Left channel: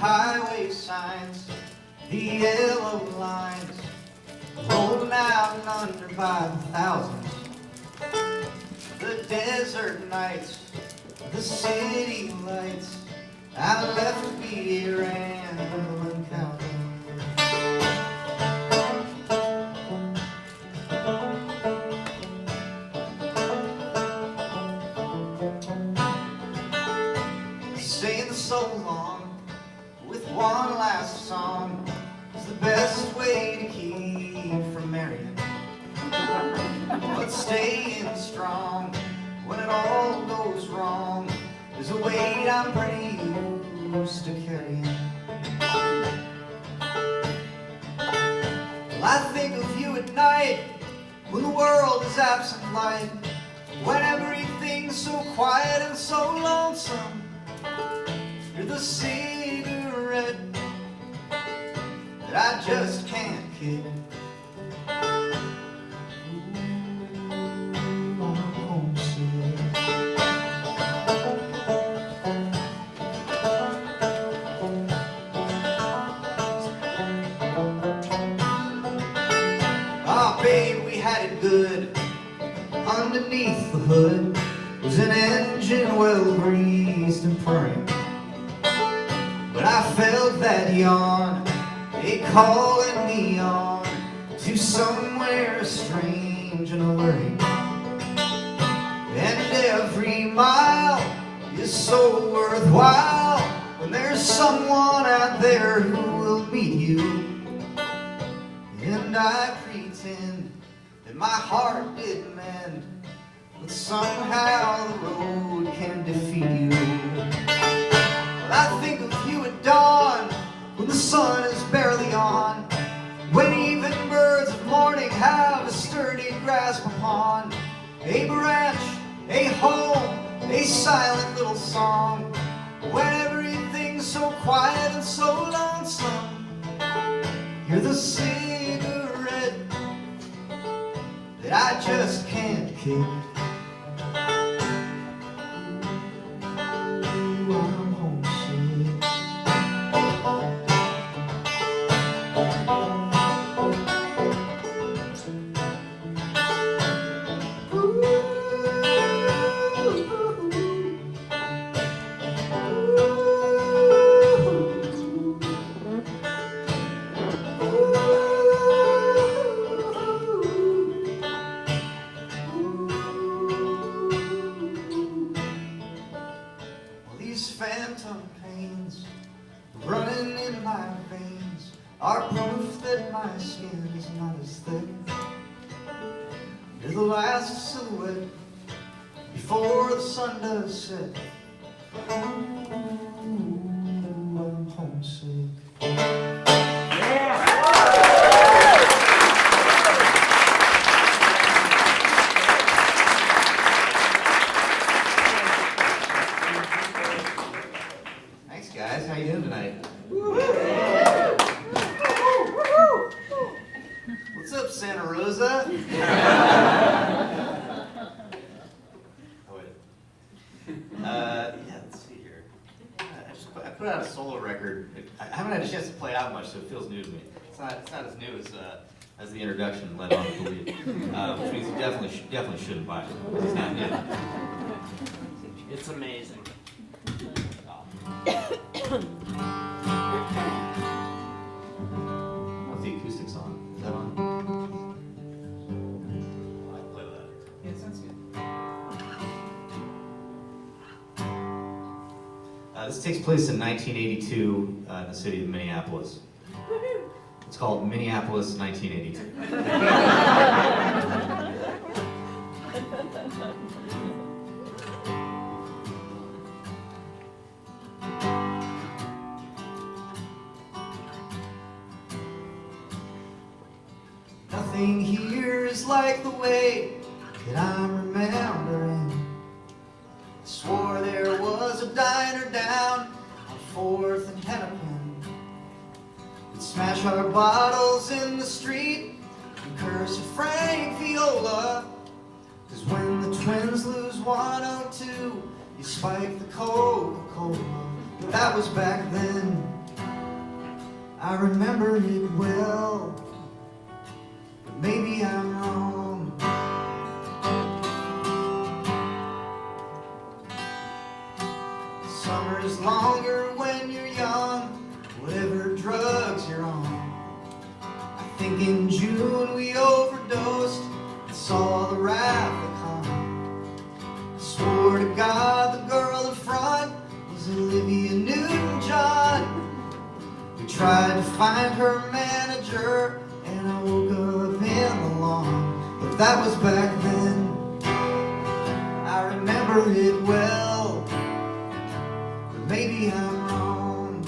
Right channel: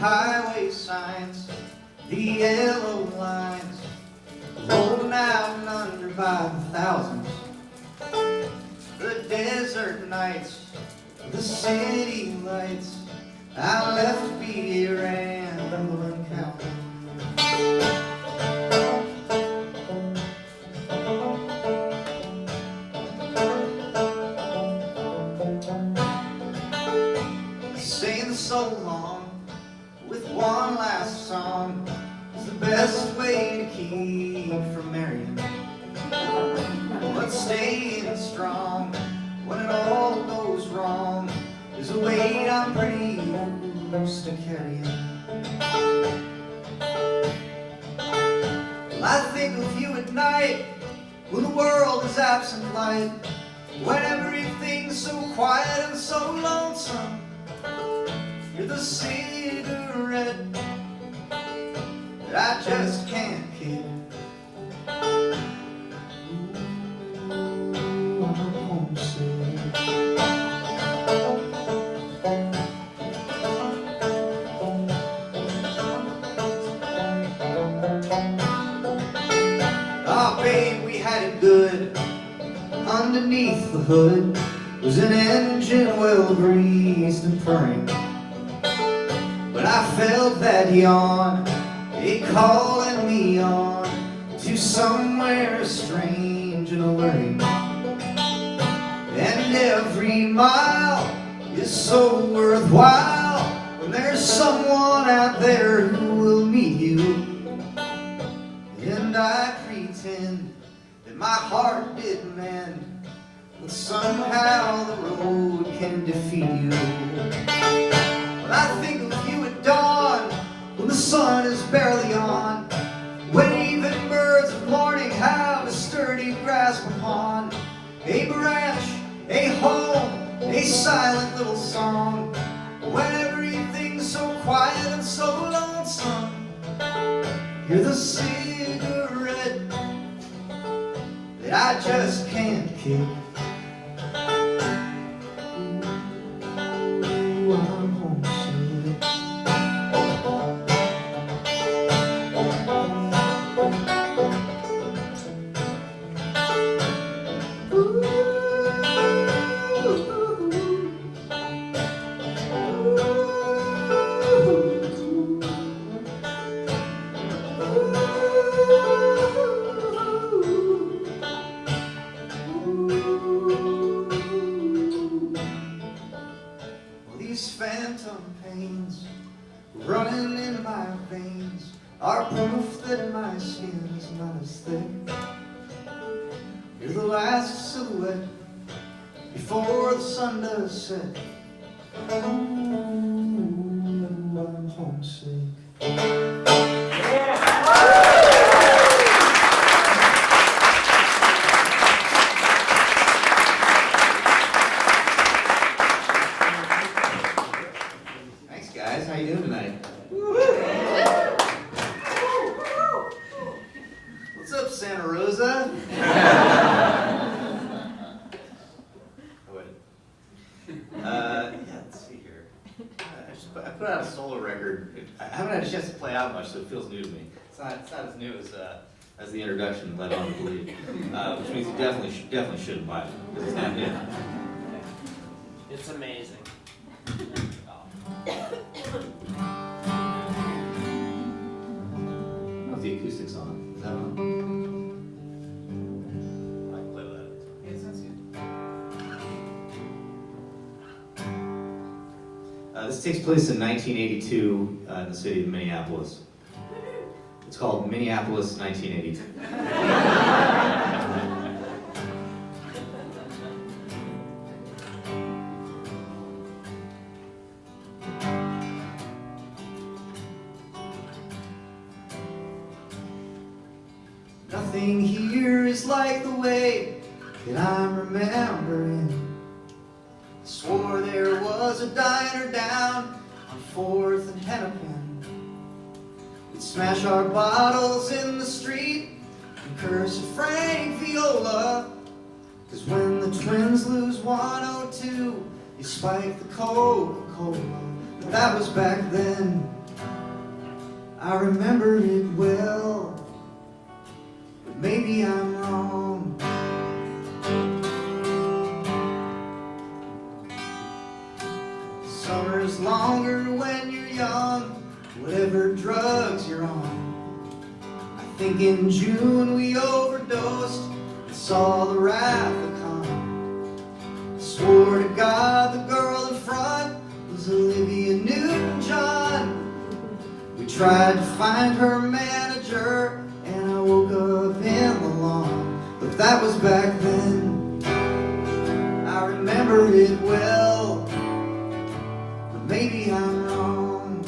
highway signs, the yellow lines, rolling out and under by the thousands. The desert nights, the city lights, I left to be a rambling cowboy. Saying so long with one last song is the best way to keep from marrying. But staying strong when it all goes wrong is a weight I'm pretty used to carrying. Well, I think of you at night when the world is absent light, when everything's so quiet and so lonesome. You're the cigarette that I just can't kick. Ooh, I'm homesick. Ah, babe, we had it good. Underneath the hood was an engine well greased and purring. But I felt that yawn, it calling me on to somewhere strange and alluring. And every mile is so worthwhile when there's someone out there who will meet you. And I pretend that my heart did mend, but somehow the road can defeat you. Well, I think of you at dawn, when the sun is barely on, when even birds of morning have a sturdy grasp upon a branch, a home, a silent little song, when everything's so quiet and so lonesome. You're the cigarette that I just can't kick. Ooh, I'm homesick. These phantom pains running in my veins are proof that my skin is not as thick. You're the last silhouette before the sun does set. Ooh, I'm homesick. Guys, how you doing tonight? What's up, Santa Rosa? Yeah, let's see here. I put out a solo record. I haven't had a chance to play out much, so it feels new to me. It's not as new as the introduction led on to believe, which means you definitely shouldn't buy it. It's not yet. It's amazing. How's the acoustics on? Is that on? I can play with that. Yeah, it sounds good. This takes place in 1982 in the city of Minneapolis. It's called Minneapolis 1982. Nothing here is like the way that I'm remembering. I swore there was a diner down on 4th and Hennepin. We'd smash our bottles in the street and curse at Frank Viola. 'Cause when the Twins lose 102, you spike the Coca-Cola. But that was back then. I remember it well, but maybe I'm wrong. Summer's longer when you're young, whatever drugs you're on. I think in June we overdosed and saw the wrath of come. Swore to God the girl in front was Olivia Newton-John. We tried to find her manager, and I woke up in the lawn. But that was back then. I remember it well, but maybe I'm wrong.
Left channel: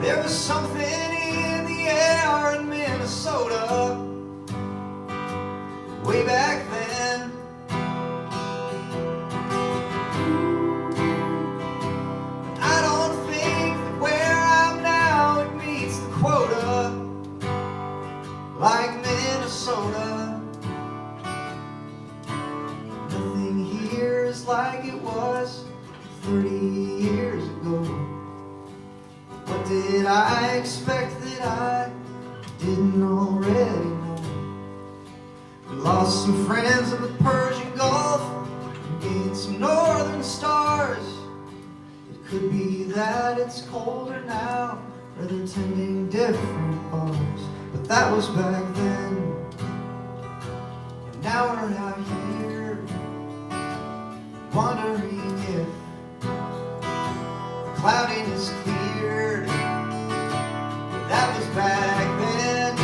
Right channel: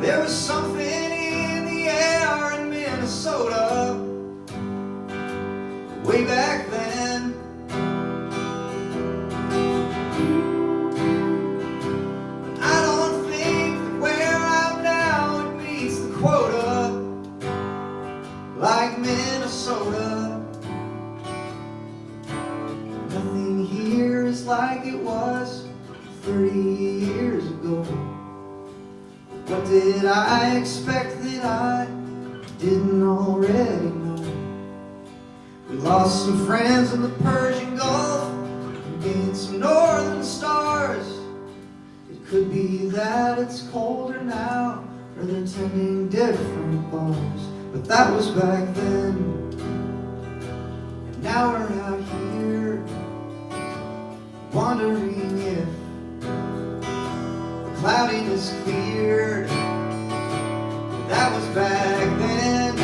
There was something in the air in Minnesota way back then. I don't think that where I'm now it meets the quota like Minnesota. Nothing here is like it was 30 years ago. What did I expect that I didn't already know? We lost some friends in the Persian Gulf and gained some northern stars. It could be that it's colder now, or they're tending different bars. But that was back then, and now we're out here wondering if the cloudiness cleared. That was back then.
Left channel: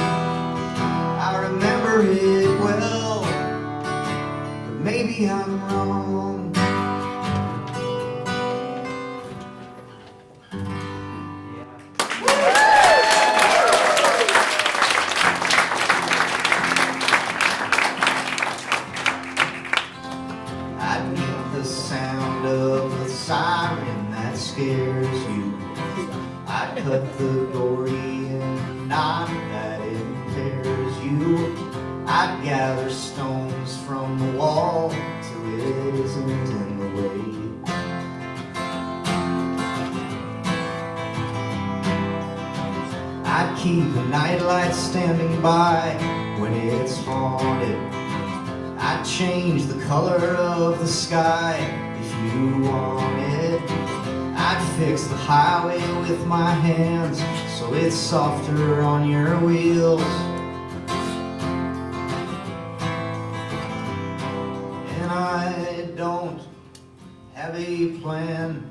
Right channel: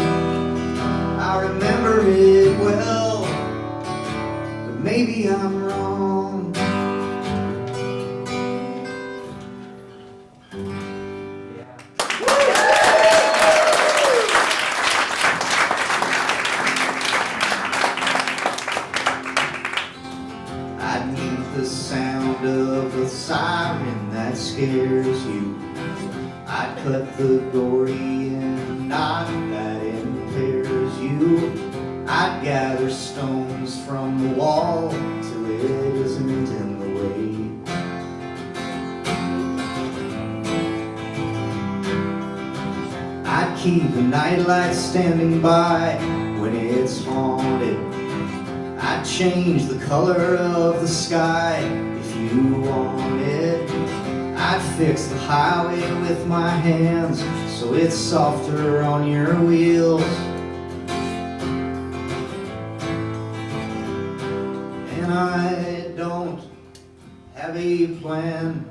I remember it well, but maybe I'm wrong. I need the sound of a siren that scares you. I cut the gory and knife that impairs you. I'd gather stones from the wall till it isn't in the way. I'd keep a nightlight standing by when it's haunted. I'd change the color of the sky if you wanted. I'd fix the highway with my hands so it's softer on your wheels. And I don't have a plan.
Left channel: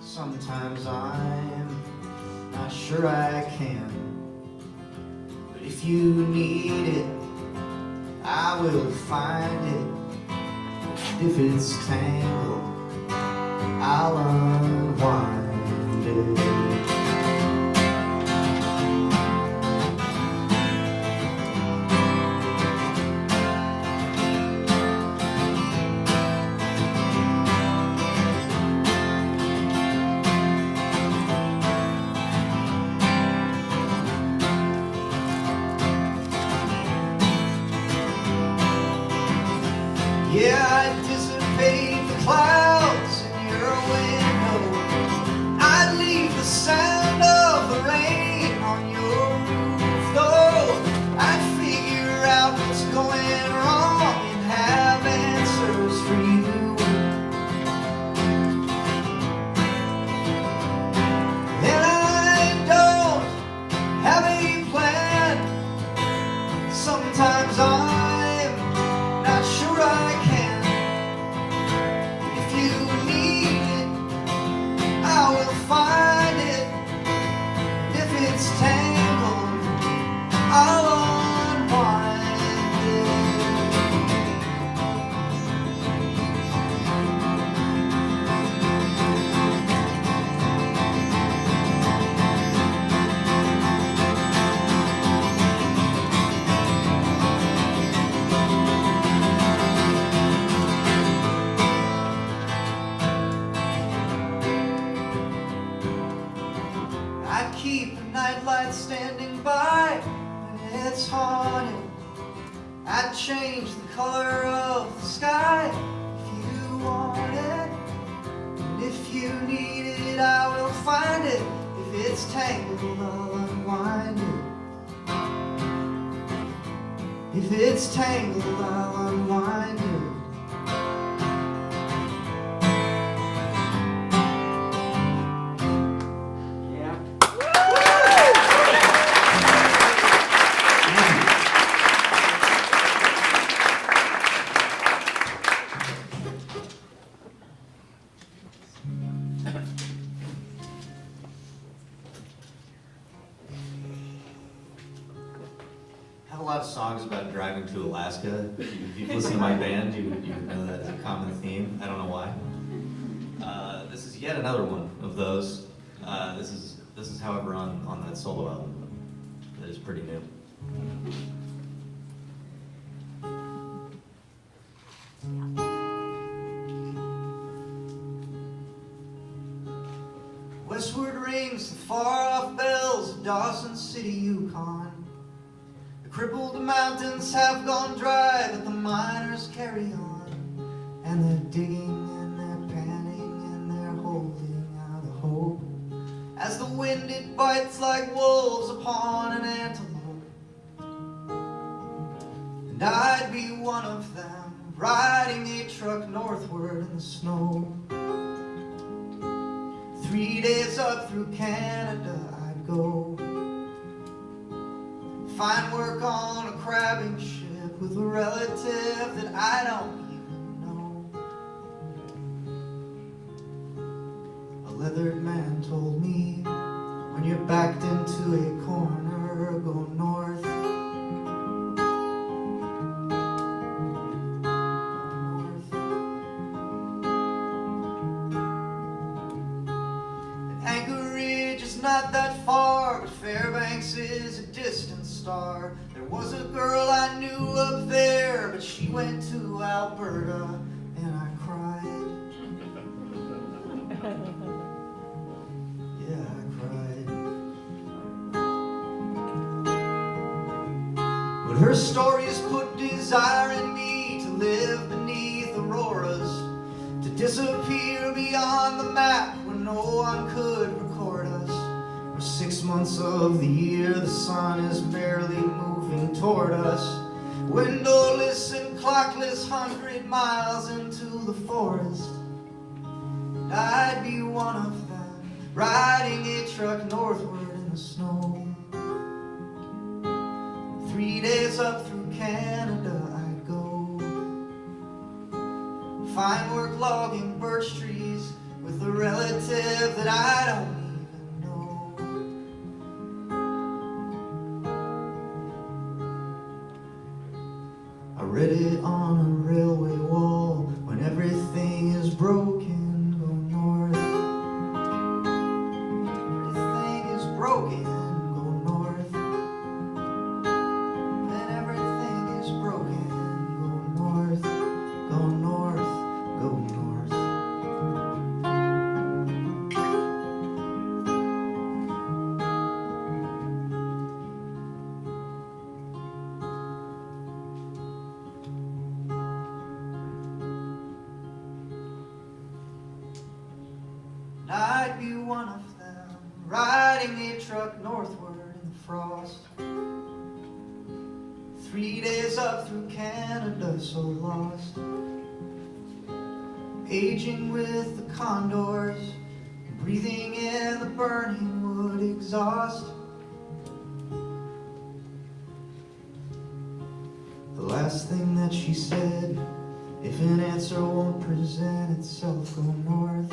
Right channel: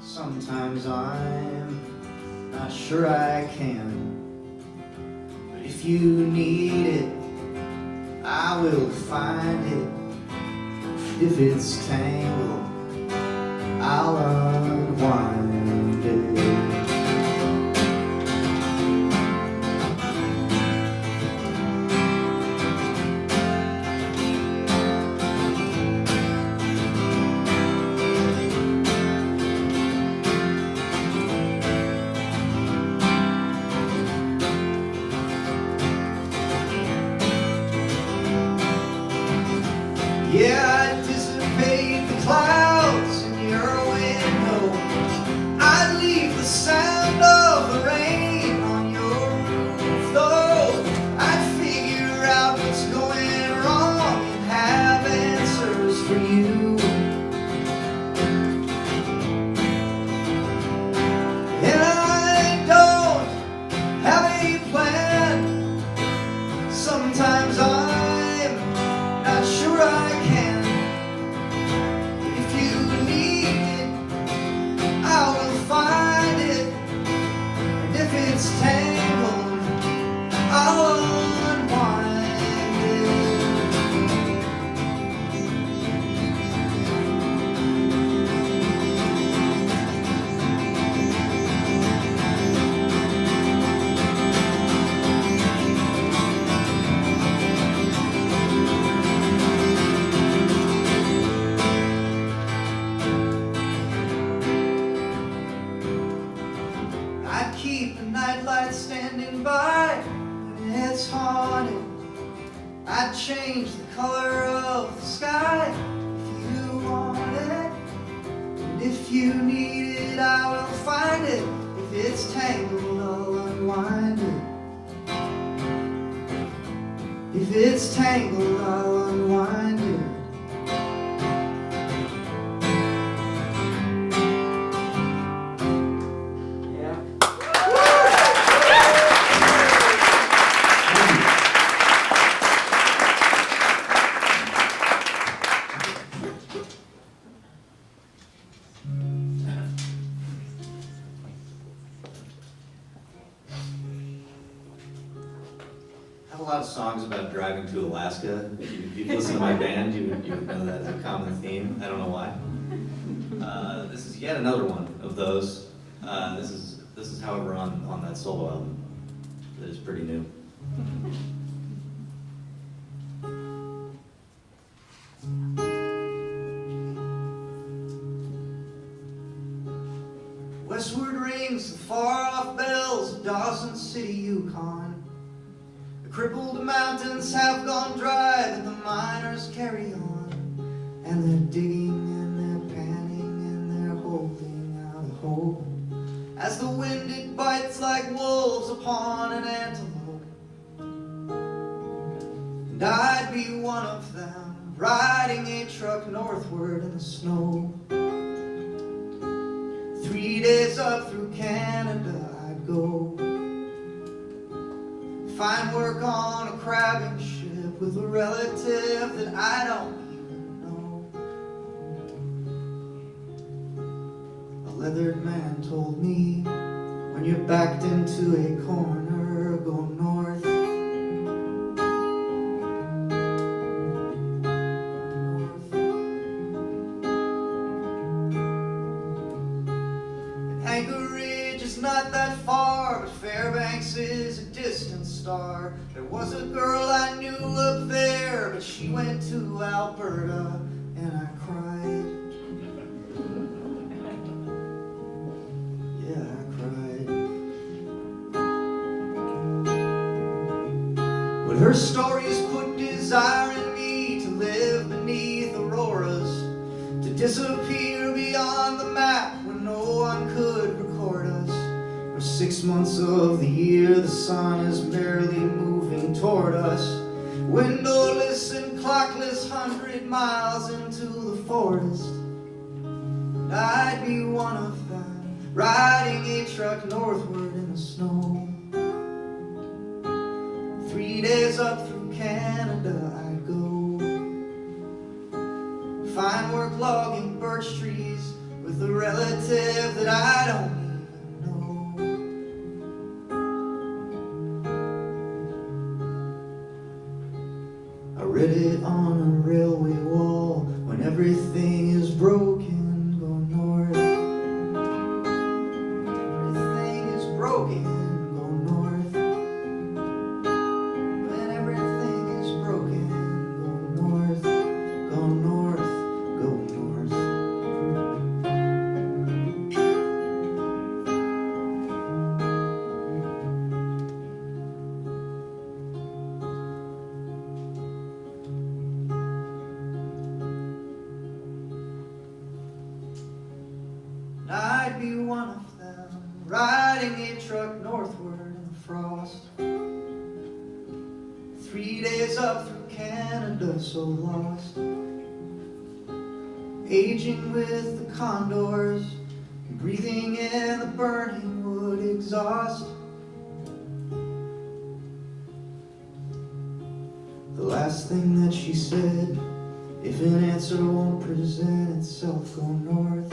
Sometimes I'm not sure I can. But if you need it, I will find it. And if it's tangled, I'll unwind it. Yeah, I'd dissipate the clouds in your window. I'd leave the sound of the rain on your roof, though. I'd figure out what's going wrong and have answers for you. And I don't have a plan. Sometimes I'm not sure I can. If you need it, I will find it. And if it's tangled, I'll unwind it. I'd keep a nightlight standing by when it's haunted. I'd change the color of the sky if you want it. And if you need it, I will find it. If it's tangled, I'll unwind it. If it's tangled, I'll unwind it. I have a lot of songs about driving to Alaska. If you listen to my band, you would know that as a common theme. I don't know why. This is yet another one of those. This is, however, on that solo album that is pretty new. Westward rings the far-off bells of Dawson City, Yukon. The crippled mountains have gone dry, but the miners carry on. And they're digging and they're panning and they're holding out a hope. As the wind it bites like wolves upon an antelope. And I'd be one of them, riding a truck northward in the snow. 3 days up through Canada I'd go. Find work on a crabbing ship with a relative that I don't even know. A leathered man told me, when you're backed into a corner, go north. Anchorage is not that far, but Fairbanks is a distant star. There was a girl I knew up there, but she went to Alberta, and I cried. Yeah, I cried. But her stories put desire in me to live beneath auroras, to disappear beyond the map where no one could record us. For 6 months of the year the sun is barely moving toward us. Windowless and clockless, 100 miles into the forest. And I'd be one of them, riding a truck northward in the snow. 3 days up through Canada I'd go. Find work logging birch trees with a relative that I don't even know. I read it on a railway wall, when everything is broken, go north. Everything is broken, go north. When everything is broken, go north, go north, go north. And I'd be one of them, riding a truck northward in the frost. 3 days up through Canada, so lost. Aging with the condors, breathing in the burning wood exhaust. The last thing that she said, if an answer won't present itself, go north.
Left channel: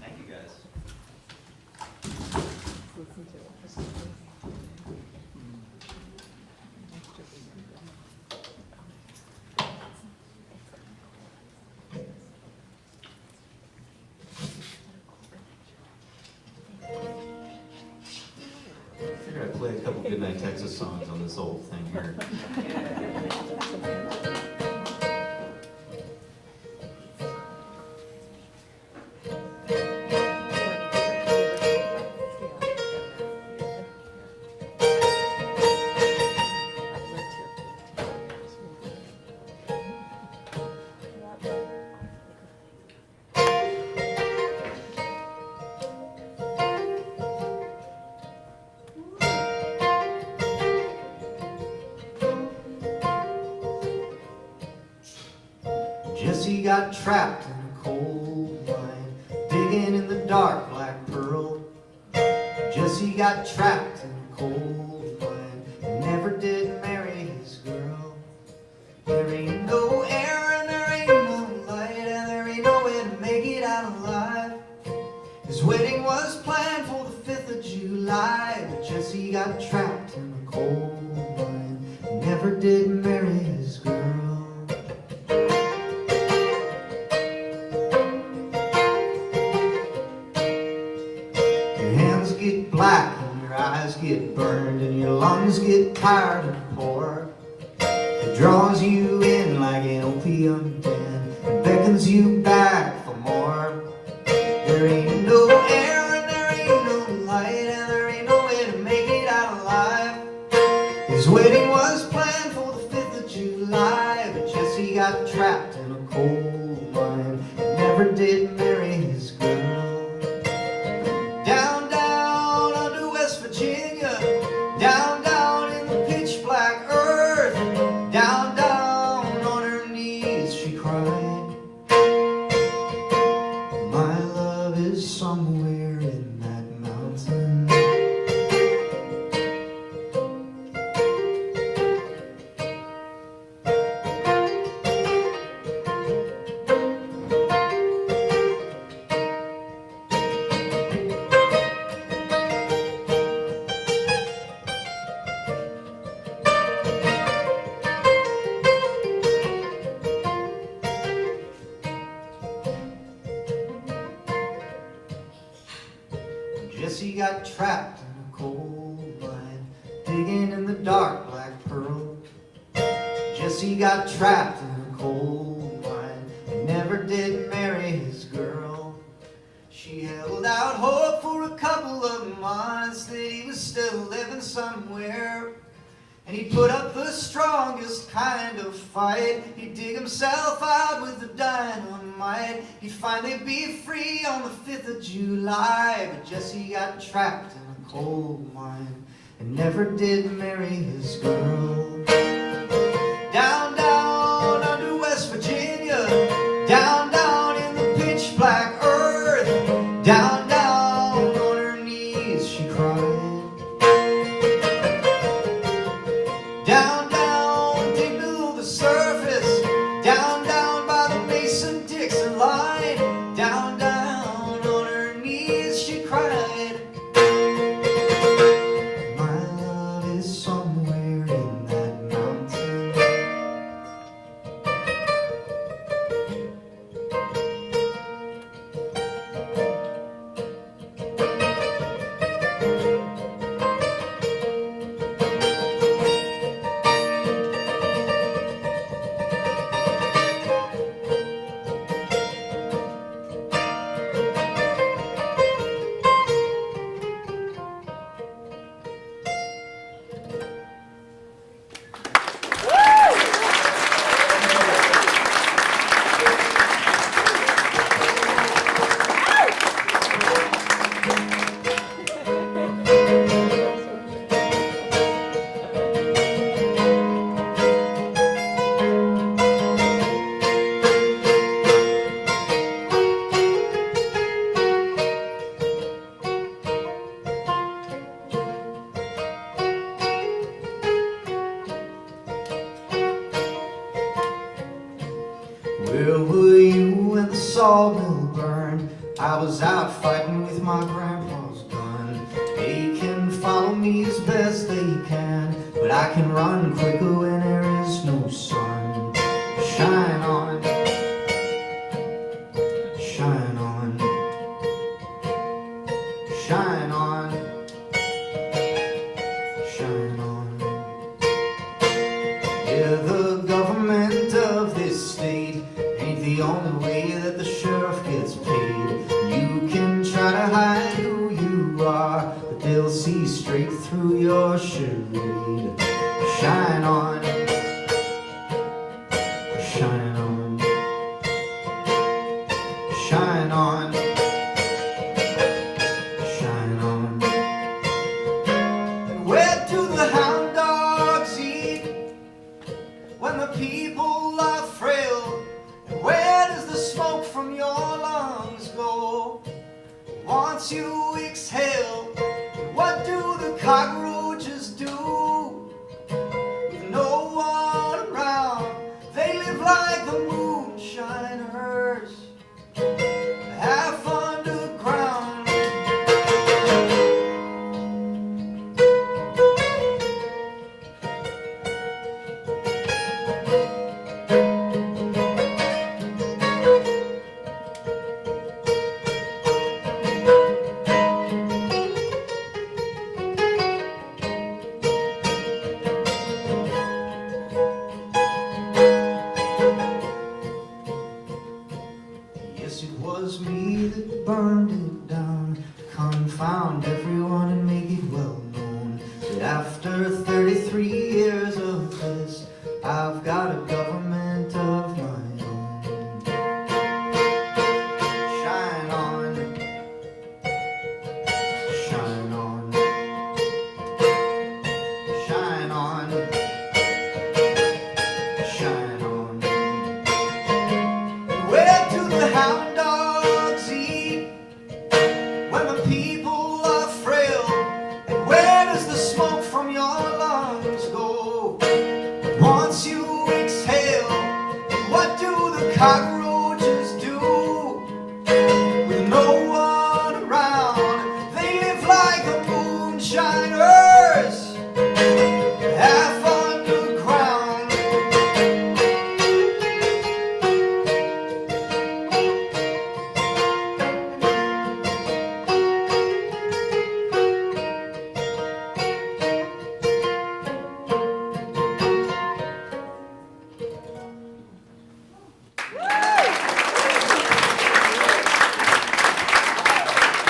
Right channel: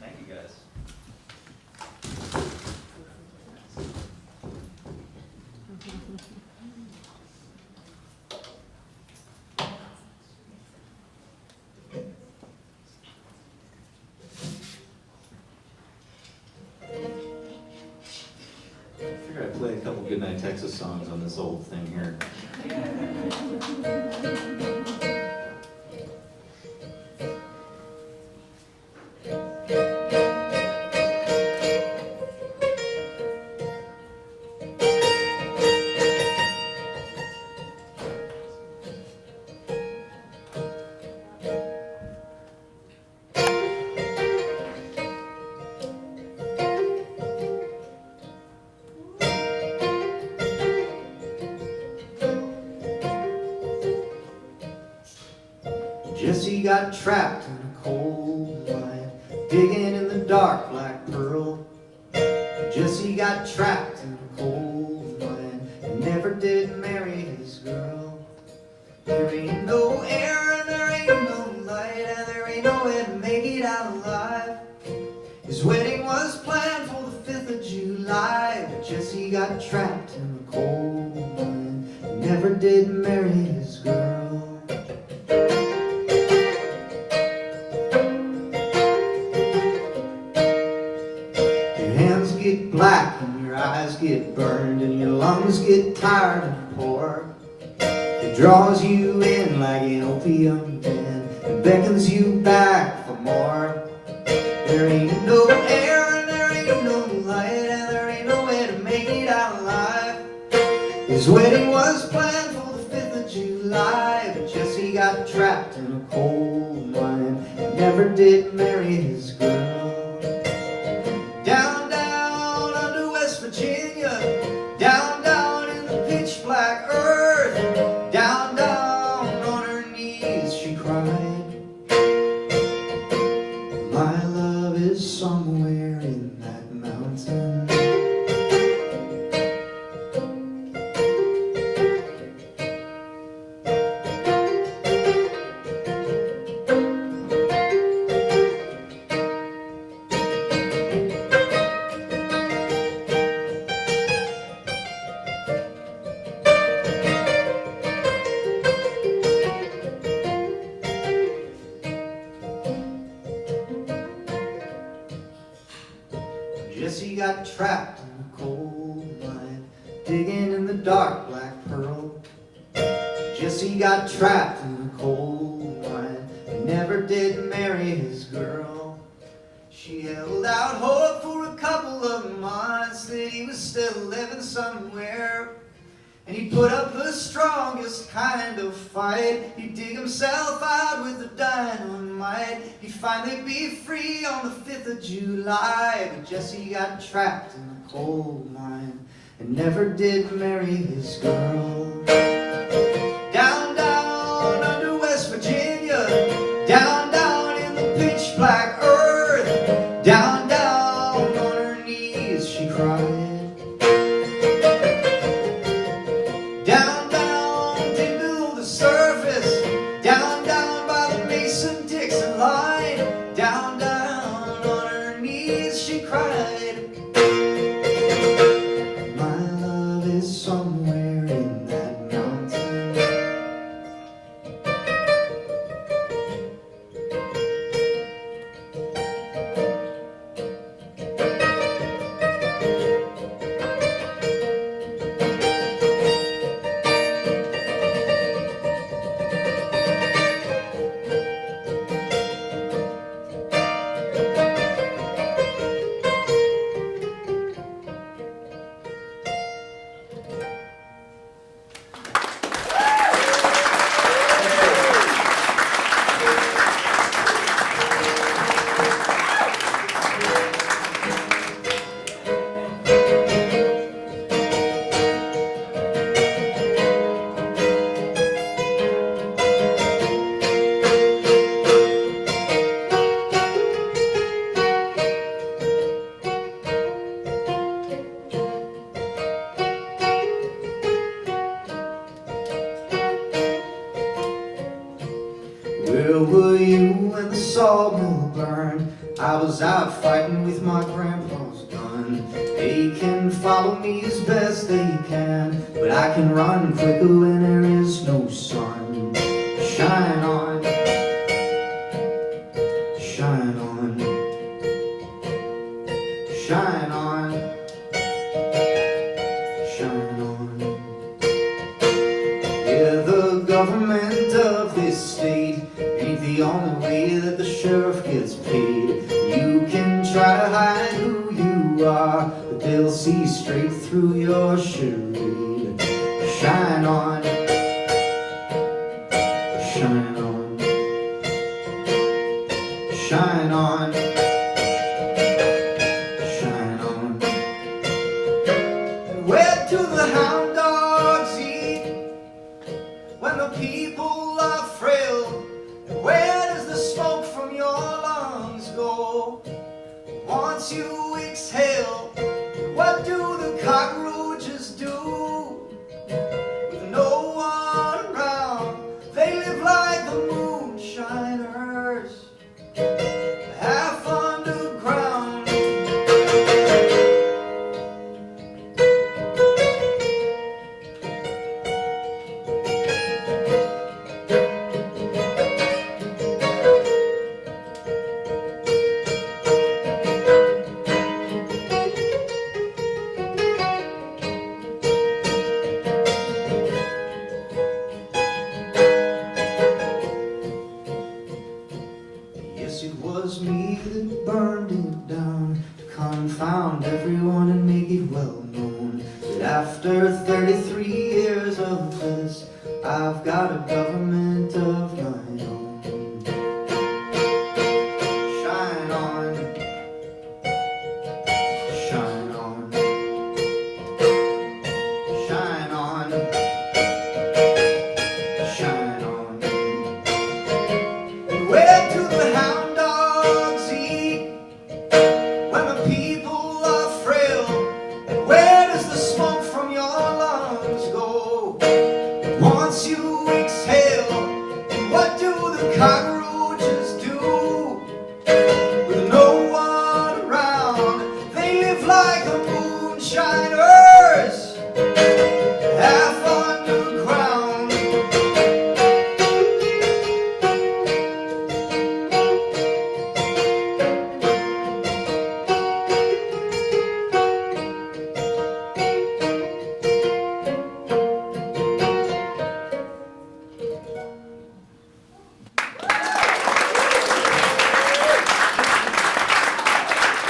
Thank you, guys. Goodnight Texas songs on this old thing here. Jesse got trapped in a coal mine, digging in the dark black pearl. Jesse got trapped in a coal mine and never did marry his girl. There ain't no air and there ain't no light and there ain't no way to make it out alive. His wedding was planned for the 5th of July, but Jesse got trapped in a coal mine and never did marry his girl. Get black and your eyes get burned and your lungs get tired and poor. It draws you in like an opium den and beckons you back for more. There ain't no air and there ain't no light and there ain't no way to make it out alive. His wedding was planned for the 5th of July, but Jesse got trapped in a coal mine and never did marry his girl. Down Virginia, down, down in the pitch black earth, down, down on her knees she cried. My love is somewhere in that mountain. Jesse got trapped in a coal mine, digging in the dark black pearl. Jesse got trapped in a coal mine and never did marry his girl. She held out hope for a couple of months that he was still living somewhere. And he put up the strongest kind of fight. He'd dig himself out with the dynamite. He'd finally be free on the 5th of July. But Jesse got trapped in a coal mine and never did marry his girl. Down, down under West Virginia, down, down in the pitch black earth, down, down on her knees she cried. Down, down, deep below the surface, down, down by the Mason-Dixon line, down, down on her knees she cried. My love is somewhere in that mountain. Where were you when the sawmill burned? I was out fighting with my grandpa's gun. They can follow me as best they can, but I can run quicker when there is no sun. Shine on, shine on, shine on, shine on. the only way that the sheriff gets paid. You can try to hide who you are, but they'll see straight through your charade. Shine on, shine on, shine on, shine on. And where do the hound dogs eat when the people are frail? And where does the smoke from your lungs go once you exhale? And what do the cockroaches do with no one around? They live like the moonshiners, half underground. Yes, it was me that burned it down, to confound everyone and make it well known that after 33 years of this, I've got a government of my own. Shine on, shine on, shine on, shine on. And where do the hound dogs eat when the people are frail? And where does the smoke from your lungs go once you exhale? And what do the cockroaches do with no one around? They live like the moonshiners, half underground.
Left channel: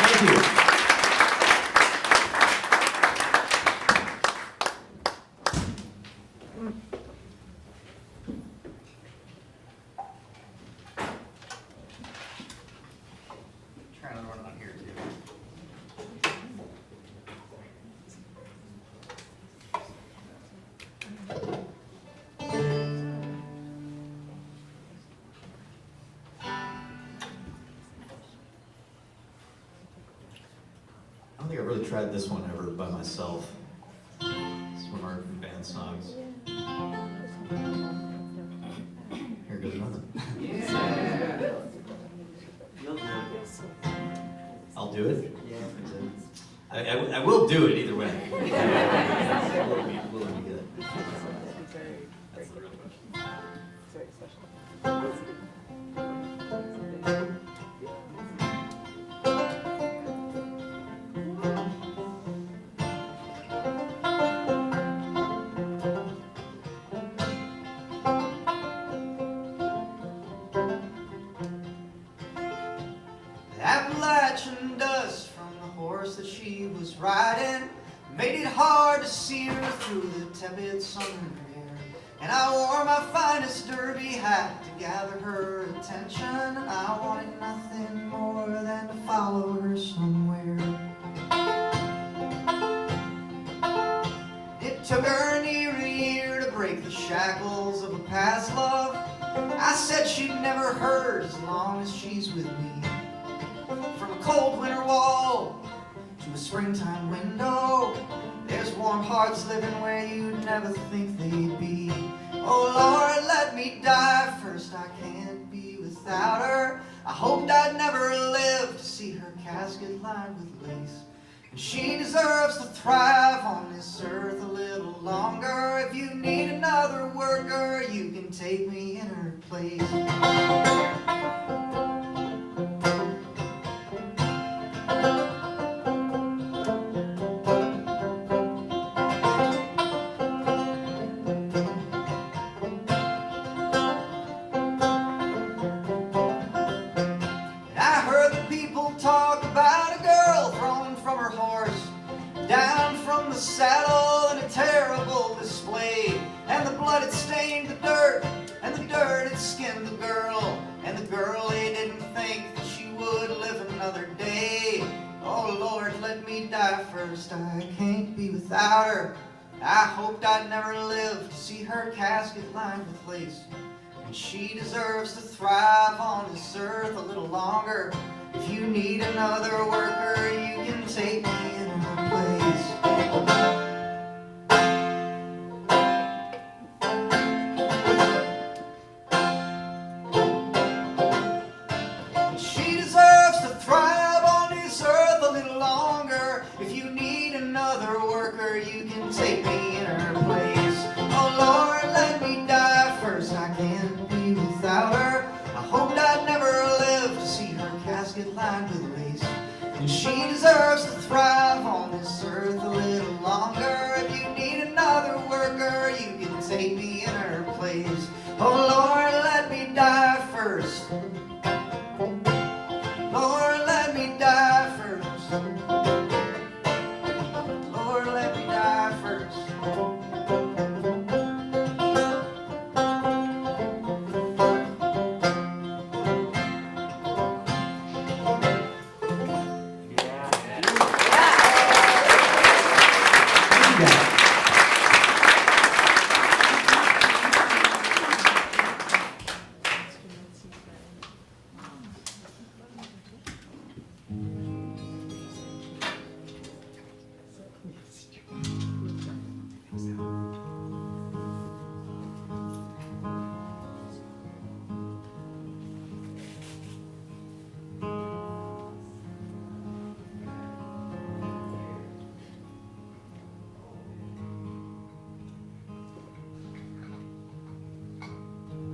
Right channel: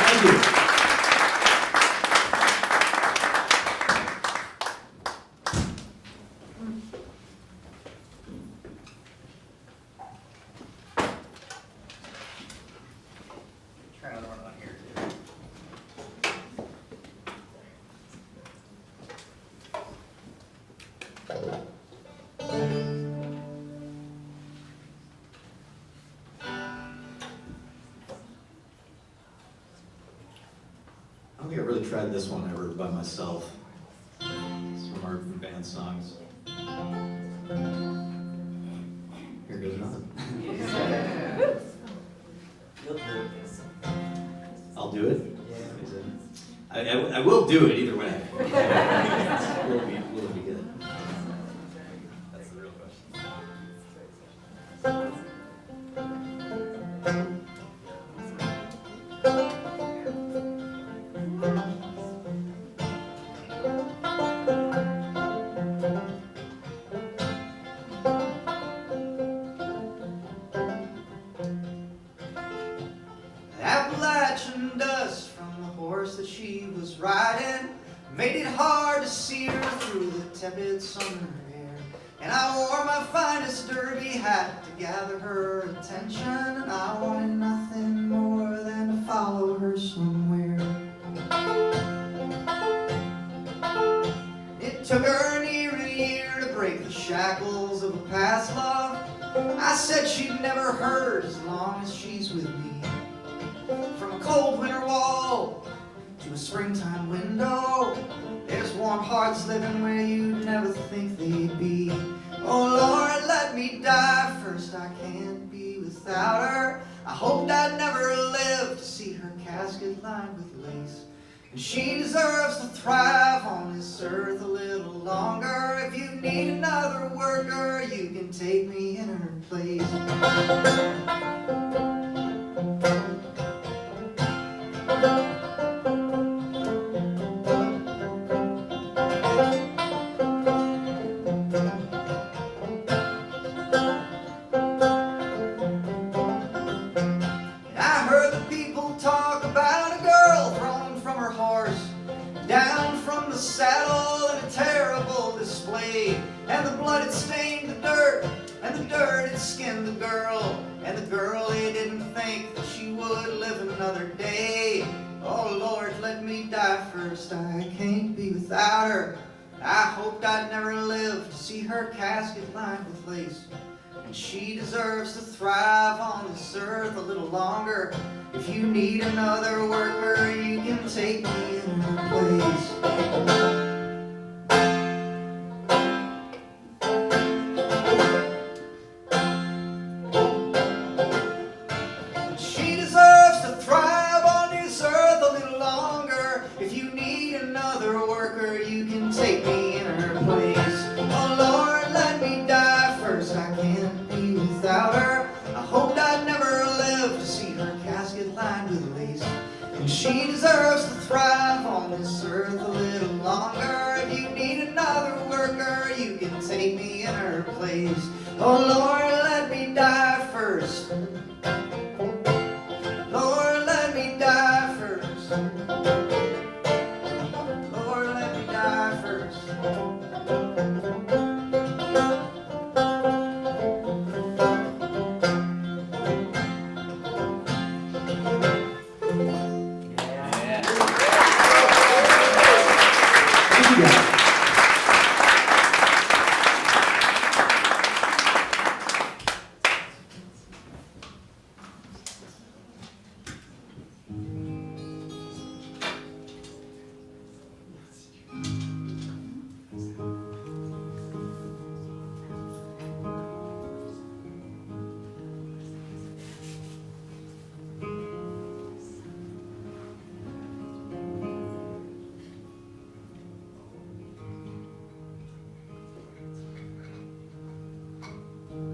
Thank you. Trying to run on here too. I don't think I've really tried this one ever by myself. It's one of our band songs. Here goes nothing. You'll do it. I'll do it. Yeah. I will do it either way. Will it be good? That's the real question. Appalachian dust from the horse that she was riding made it hard to see her through the tepid summer air. And I wore my finest derby hat to gather her attention, and I wanted nothing more than to follow her somewhere. It took her near a year to break the shackles of a past love. I said she'd never hurt as long as she's with me. From a cold winter wall to a springtime window, there's warm hearts living where you'd never think they'd be. Oh Lord, let me die first, I can't be without her. I hoped I'd never live to see her casket lined with lace. And she deserves to thrive on this earth a little longer. If you need another worker, you can take me in her place. blood had stained the dirt, and the dirt had skinned the girl, and the girl, he didn't think that she would live another day. Oh Lord, let me die first, I can't be without her. I hoped I'd never live to see her casket lined with lace. And she deserves to thrive on this earth a little longer. If you need another worker, you can take me in her place. She deserves to thrive on this earth a little longer. If you need another worker, you can take me in her place. Oh Lord, let me die first, I can't be without her. I hoped I'd never live to see her casket lined with lace. And she deserves to thrive on this earth a little longer. If you need another worker, you can take me in her place. Oh Lord, let me die first. Lord, let me die first. Lord, let me die first.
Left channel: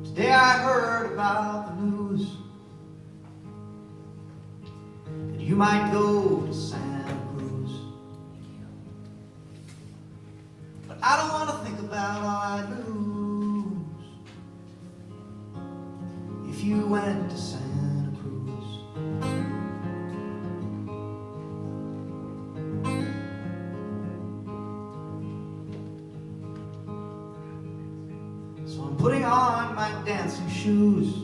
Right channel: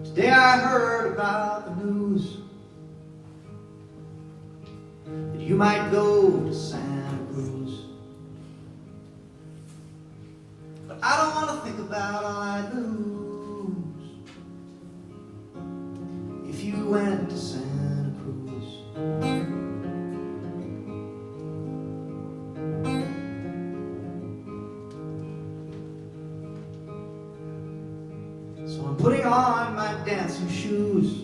Today I heard about the news that you might go to Santa Cruz. But I don't want to think about all I'd lose if you went to Santa Cruz. So I'm putting on my dancing shoes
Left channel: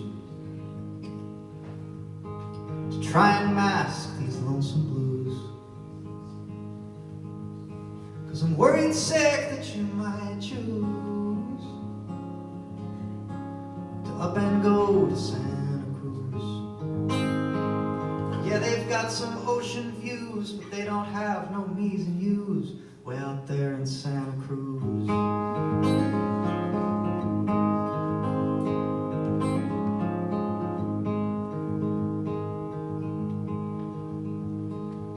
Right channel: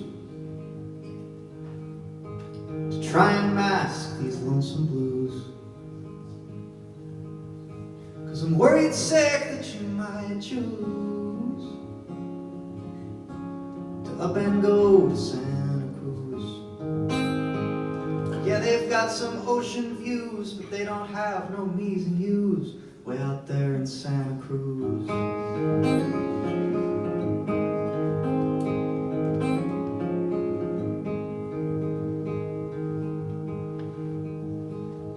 to try and mask these lonesome blues. 'Cause I'm worried sick that you might choose to up and go to Santa Cruz. Yeah, they've got some ocean views, but they don't have no me's and you's way out there in Santa Cruz.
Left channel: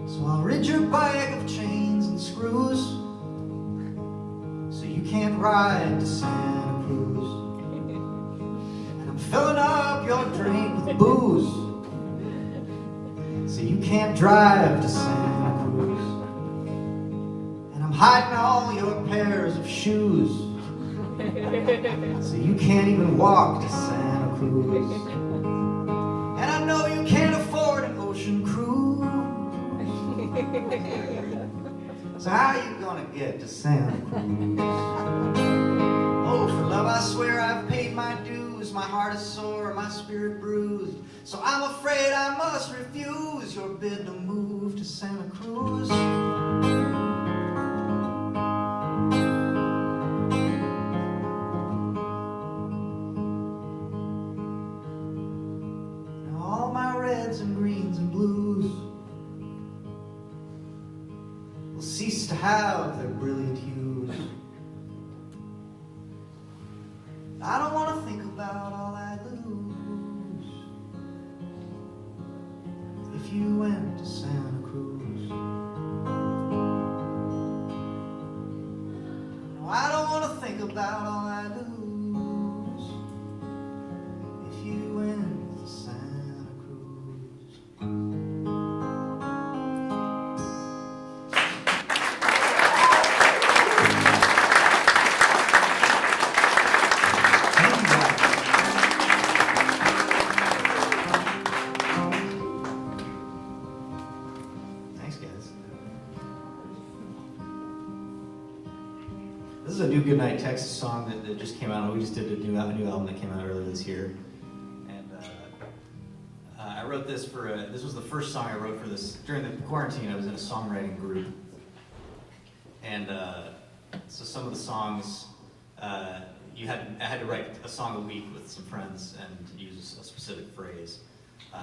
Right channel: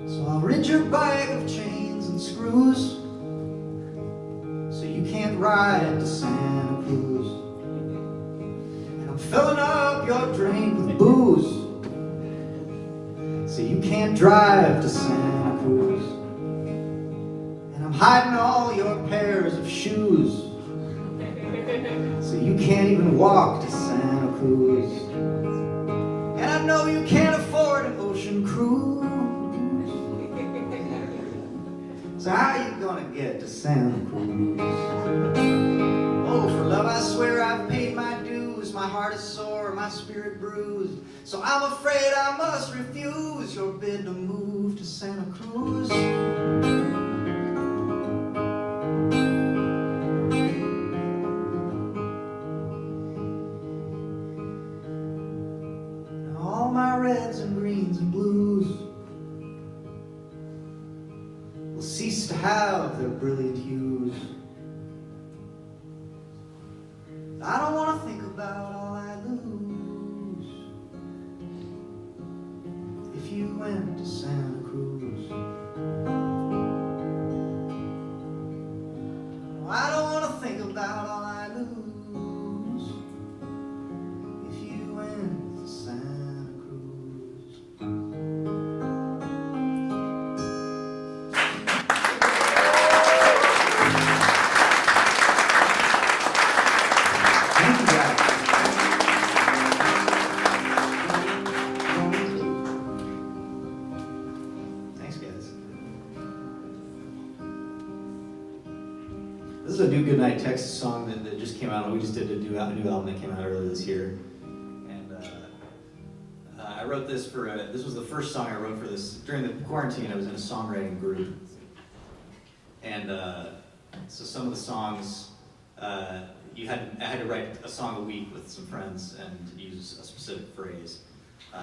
So I'll rid your bike of chains and screws, so you can't ride to Santa Cruz. And I'm filling up your drink with booze, so you can't drive to Santa Cruz. And I'm hiding all your pairs of shoes, so you can't even walk to Santa Cruz. And I know you can't afford an ocean cruise. So how you gonna get to Santa Cruz? Oh, for love I swear I've paid my dues. My heart is sore, my spirit bruised. So I'm afraid I must refuse your bid to move to Santa Cruz. Now all my reds and greens and blues will cease to have their brilliant hues. I don't want to think about all I lose if you went to Santa Cruz. No, I don't want to think about all I lose if you went to Santa Cruz. Thank you, guys. Thanks, guys. This is is a new Goodnight Texas song that just came out. We just did a new album that came out earlier this year. And I wrote this this was the first song I wrote for this. During the quarantine, I was in a songwriting group. And so some of the songs, I had to write a song a week with some friends and use a specific phrase.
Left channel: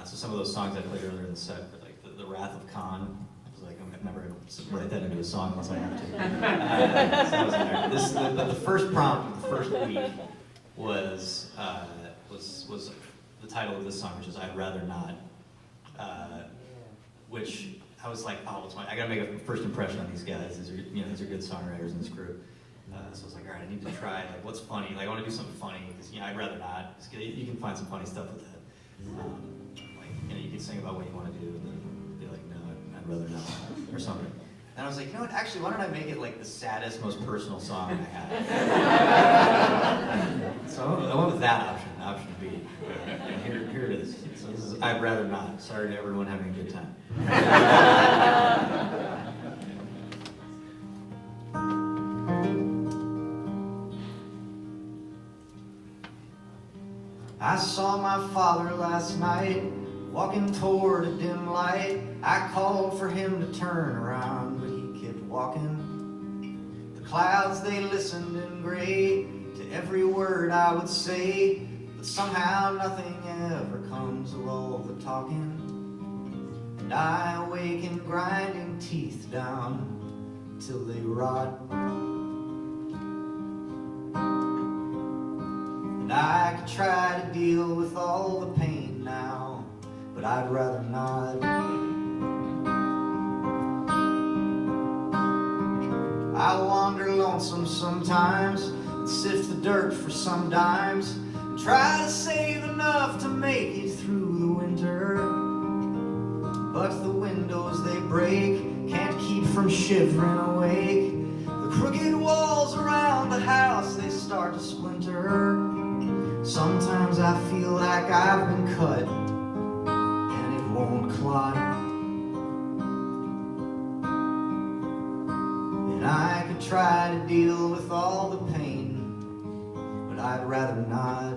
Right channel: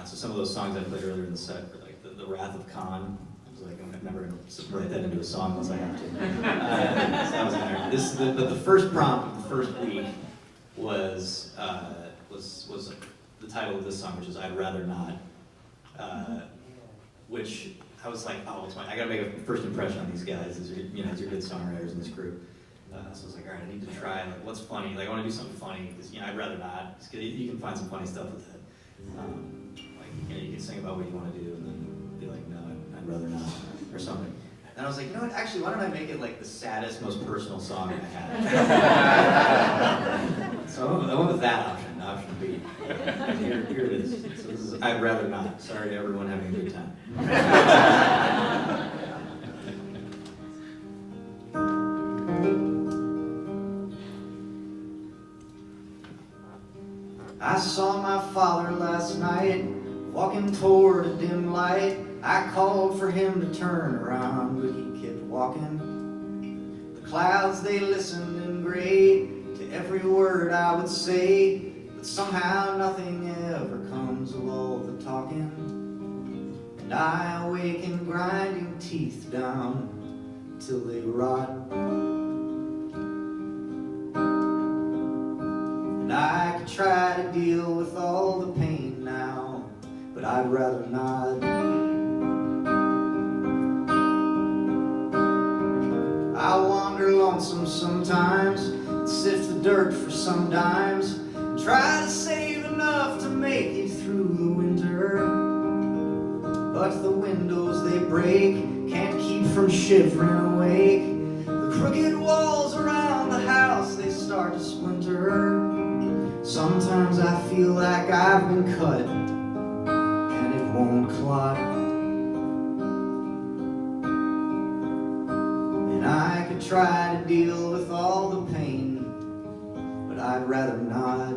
So some of those songs I played earlier in the set were like the Wrath of Khan. I was like, I'm never going to write that into a song unless I have to. So that was in there. The first prompt of the first week was the title of this song, which is I'd Rather Not, which I was like, oh, I got to make a first impression on these guys. These are good songwriters in this group. So I was like, all right, I need to try, like, what's funny? Like, I want to do something funny, because, I'd rather not. You can find some funny stuff with that. You can sing about what you want to do, and then be like, no, I'd rather not, or something. And I was like, you know what, actually, why don't I make it, like, the saddest, most personal song I have? So I went with that option B. And here it is. So this is I'd Rather Not. Sorry to everyone having a good time. I saw my father last night, walking toward a dim light. I called for him to turn around, but he kept walking. The clouds, they listened in gray to every word I would say, but somehow nothing ever comes of all the talking. And I awaken grinding teeth down till they rot. And I could try to deal with all the pain now, but I'd rather not. I wander lonesome sometimes, sift the dirt for some dimes, and try to save enough to make it through the winter. But the windows, they break, can't keep from shivering awake. The crooked walls around the house, they start to splinter. Sometimes I feel like I've been cut, and it won't clot. And I could try to deal with all the pain, but I'd rather not.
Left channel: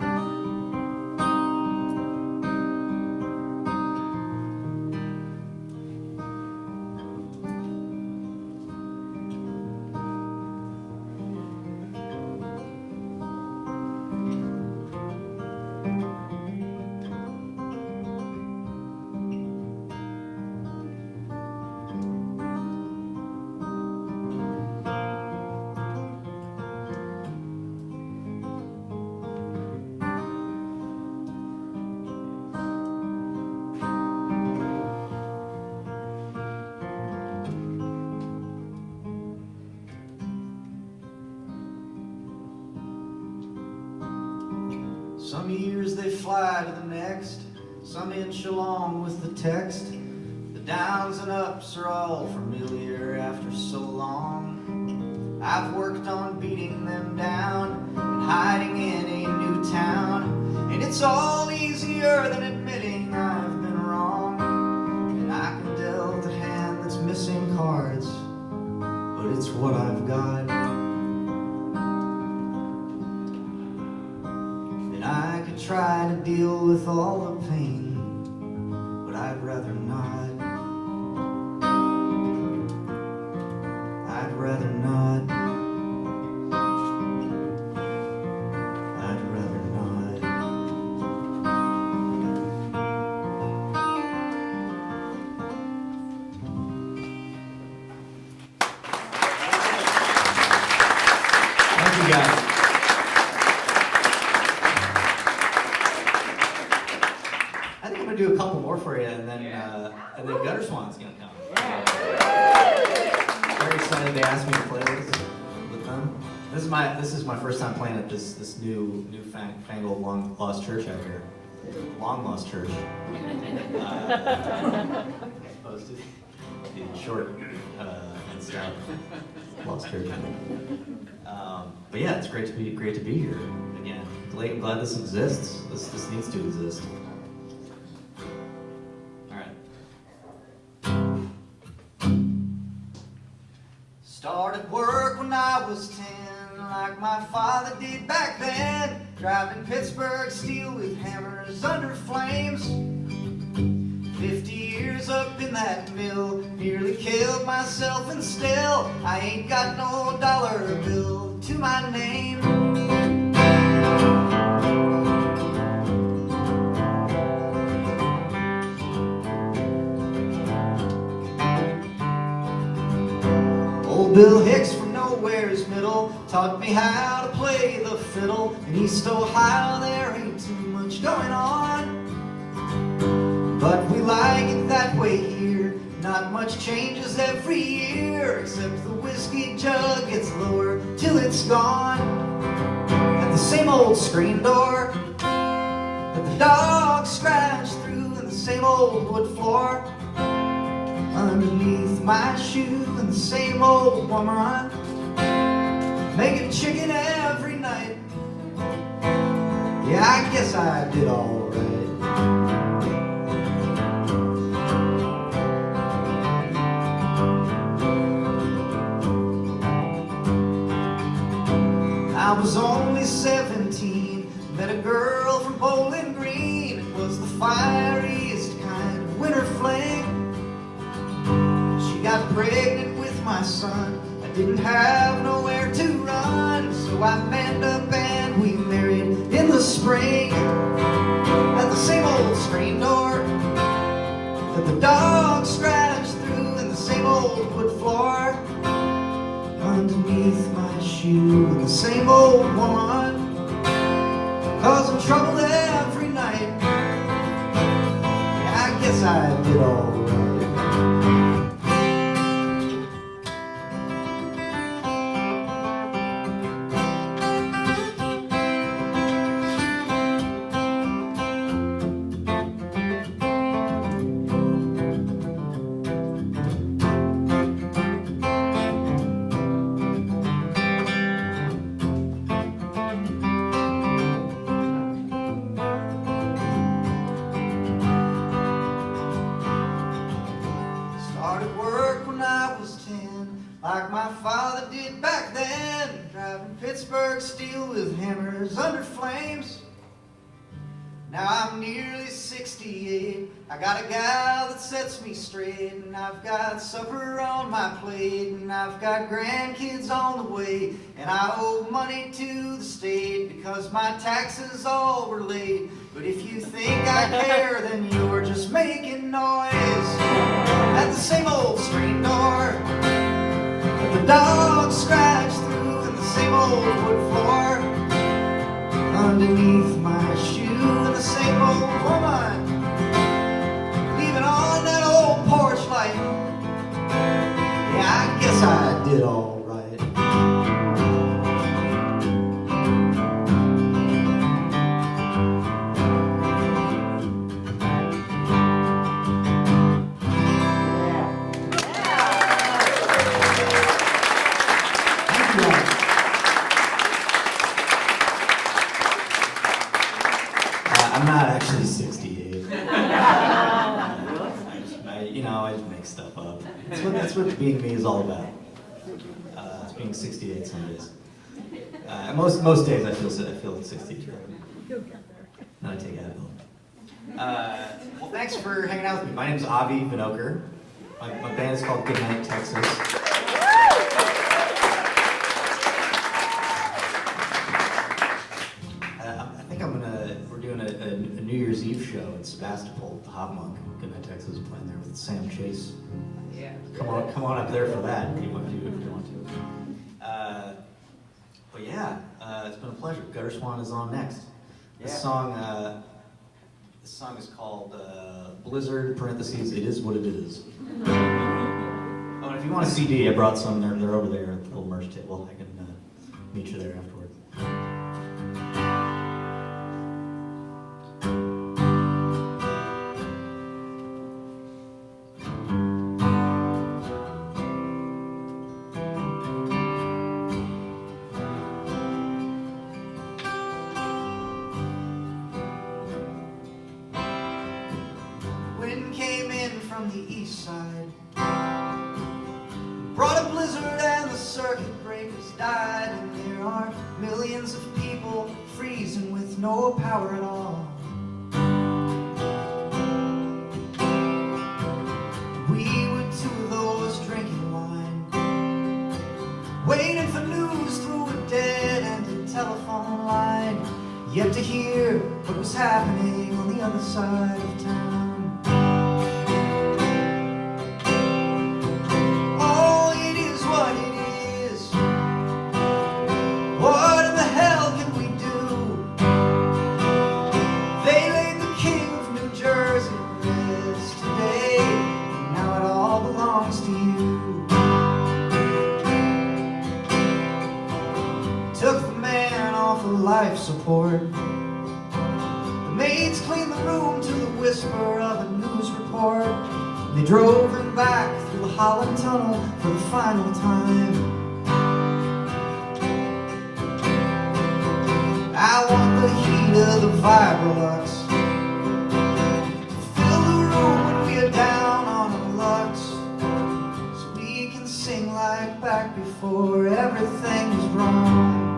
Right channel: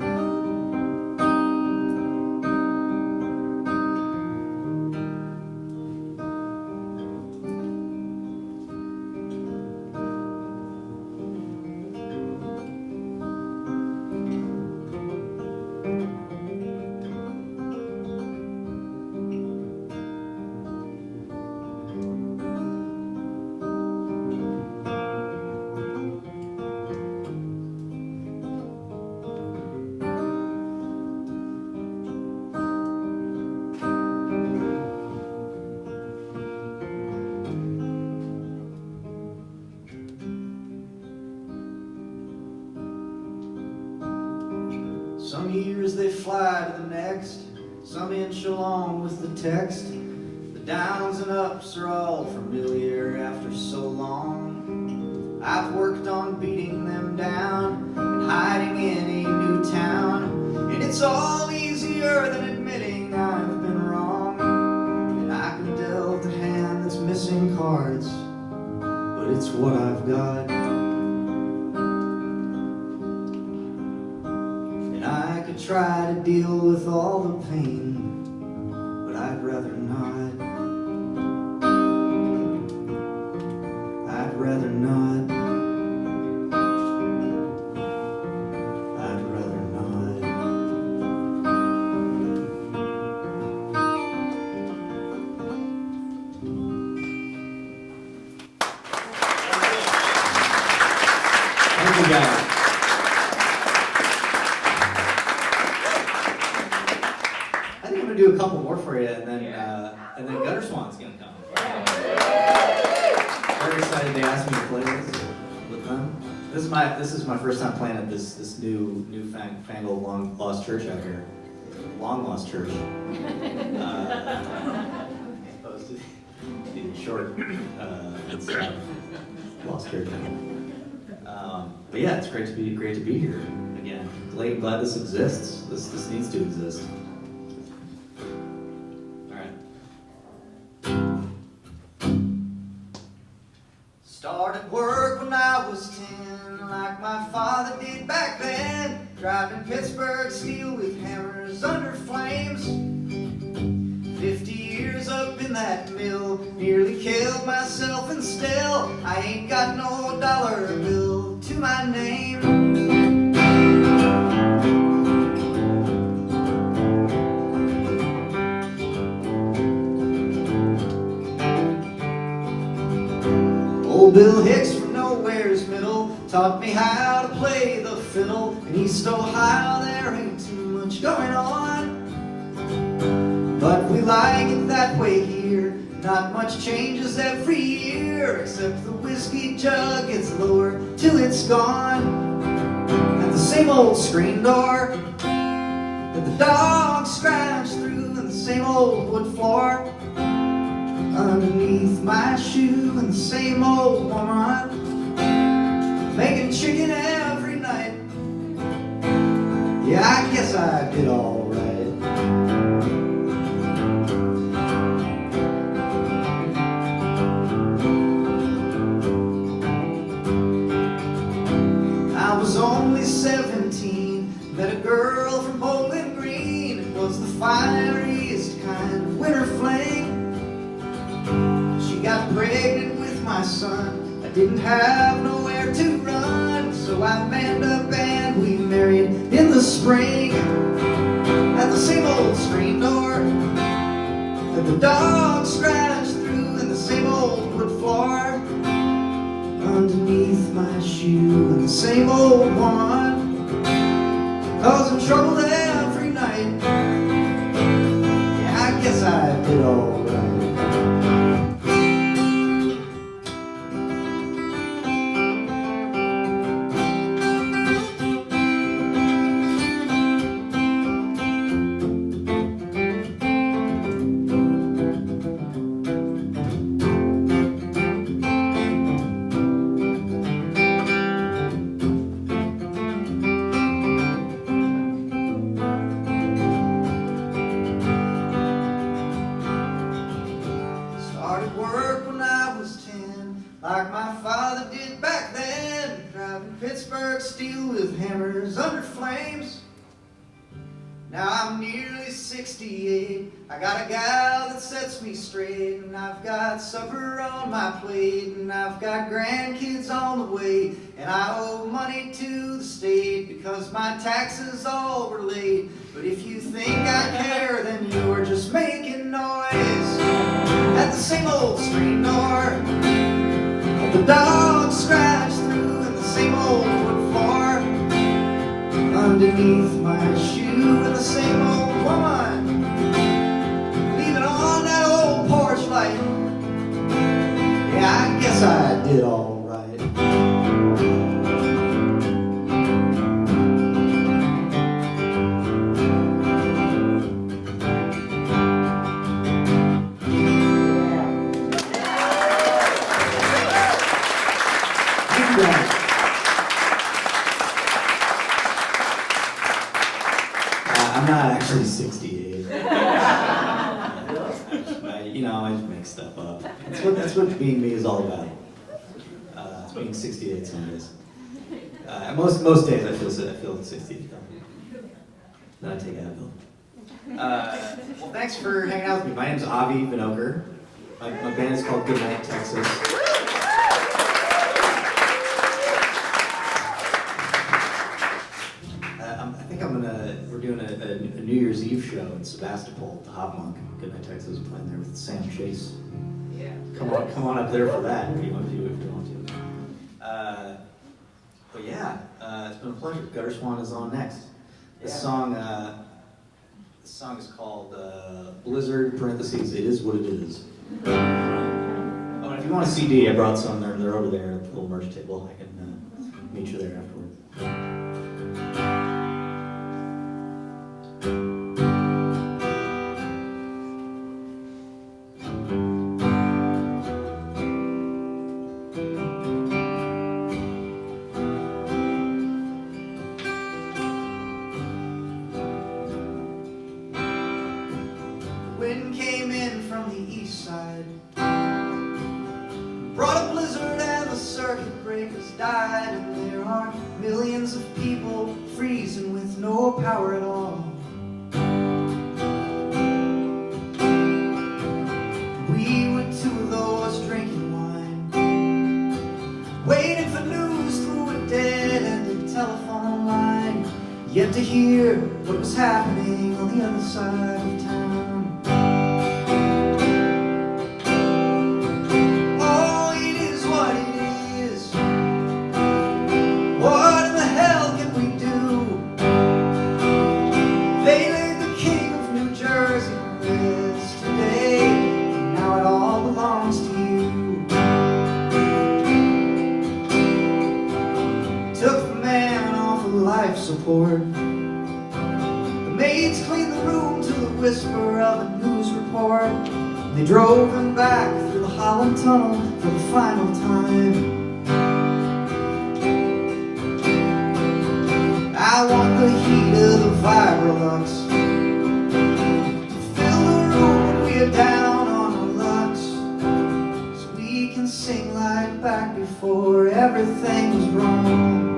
Some years they fly to the next, some inch along with the text. The downs and ups are all familiar after so long. I've worked on beating them down and hiding in a new town, and it's all easier than admitting I've been wrong. And I can dealt a hand that's missing cards, but it's what I've got. I could try to deal with all the pain, but I'd rather not. I'd rather not. I'd rather not. Thank you, guys. Do a couple more for you, and then Gutter Swan's gonna come. Very excited they asked me to play this with them. This is my first time playing at this new fangled long lost church out here. Long lost church. Opposed to the short and stuff. Lost church. But yeah, it's great to be here again. Glad this exists. This needs to exist. Started work when I was 10 like my father did back then, driving Pittsburgh steel with hammers under flames. 50 years up in that mill, nearly killed myself, and still I ain't got no dollar bill to my name. Old Bill Hicks from Nowhere's Middle taught me how to play the fiddle. In East Ohio there ain't too much going on, but we like it that way here. Not much changes every year, except the whiskey jug gets lower till it's gone. At the same old screen door that the dog scratched through, and the same old wood floor underneath my shoe, and the same old woman making chicken every night. Yeah, I guess I did all right. I was only 17, met a girl from Bowling Green. It was the fieriest kind of winter fling. She got pregnant with my son. I didn't have nowhere to run, so I manned up and we married in the spring. At the same old screen door that the dog scratched through, and the same old wood floor underneath my shoe, and the same old woman causing trouble every night. Yeah, I guess I did all right. Started work when I was 10, like my father did back then, driving Pittsburgh steel with hammers under flames. Now I'm nearly 68, I got a gal that sets me straight, and I've got supper on my plate, and I've got grandkids on the way, and I owe money to the state because my taxes all were late. But if you think I care, then you're just making noise. At the same old screen door that the dog scratched through, and the same old wood floor underneath my shoe, and the same old woman leaving on that old porch light. Yeah, I guess I did all right. I'm not actually 68. I just make stuff up. That's what being me is all about. It's being 68 some days. Most days I feel 60. Then I take Advil. Well, thanks for hanging out with me. My name's Avi Vinocur. My band is called Goodnight, Texas. We're doing a New Year's Eve show in Sebastopol, the Hop Monk, Goodnight, Texas, playing there with Sam Chase. Yeah. Come on up there for that if you want to. But yeah, it's been a pleasure. Gutter Swan is on next. This song is called Blizzard (parentheses). It is what it is. Oh, and if you want a CD, I brought some. They're over there at the little merch table. I can meet you there afterward. Wind came in from the east side, brought a blizzard, and the circuit breakers died, and they're are millions of people freezing with no power at all. We were two of those drinking wine, waiting for news through a dead-ended telephone line, yet to hear what was happening on the other side of town. Oh, it is what it is. What in the hell can we do? They laid the king of New Jersey to rest today, and now it all belongs to you. Took the man off of life support. The maids cleaned the room to the whisper of a news report. They drove him back through the Holland Tunnel for the final time. I want the heat of the Vibrolux to fill the room when we are down on our lucks, so we can sing like back before everything was wrong.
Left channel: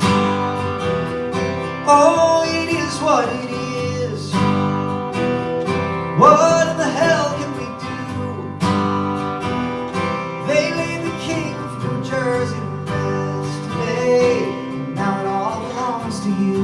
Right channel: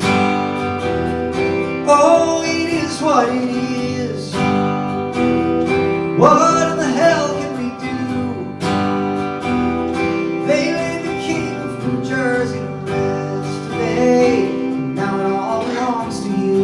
Oh, it is what it is. What in the hell can we do? They laid the king of New Jersey to rest today, and now it all belongs to you.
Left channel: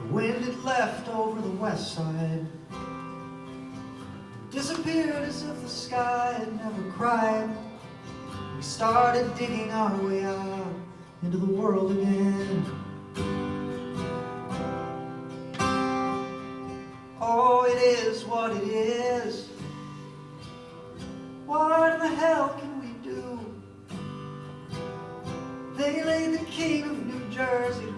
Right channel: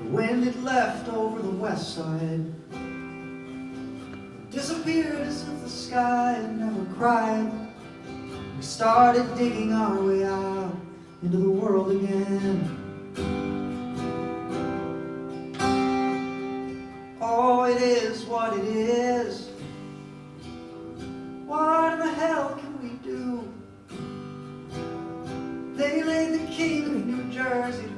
The wind had left over the west side, disappeared as if the sky had never cried. We started digging our way out into the world again. Oh, it is what it is. What in the hell can we do? They laid the king of New Jersey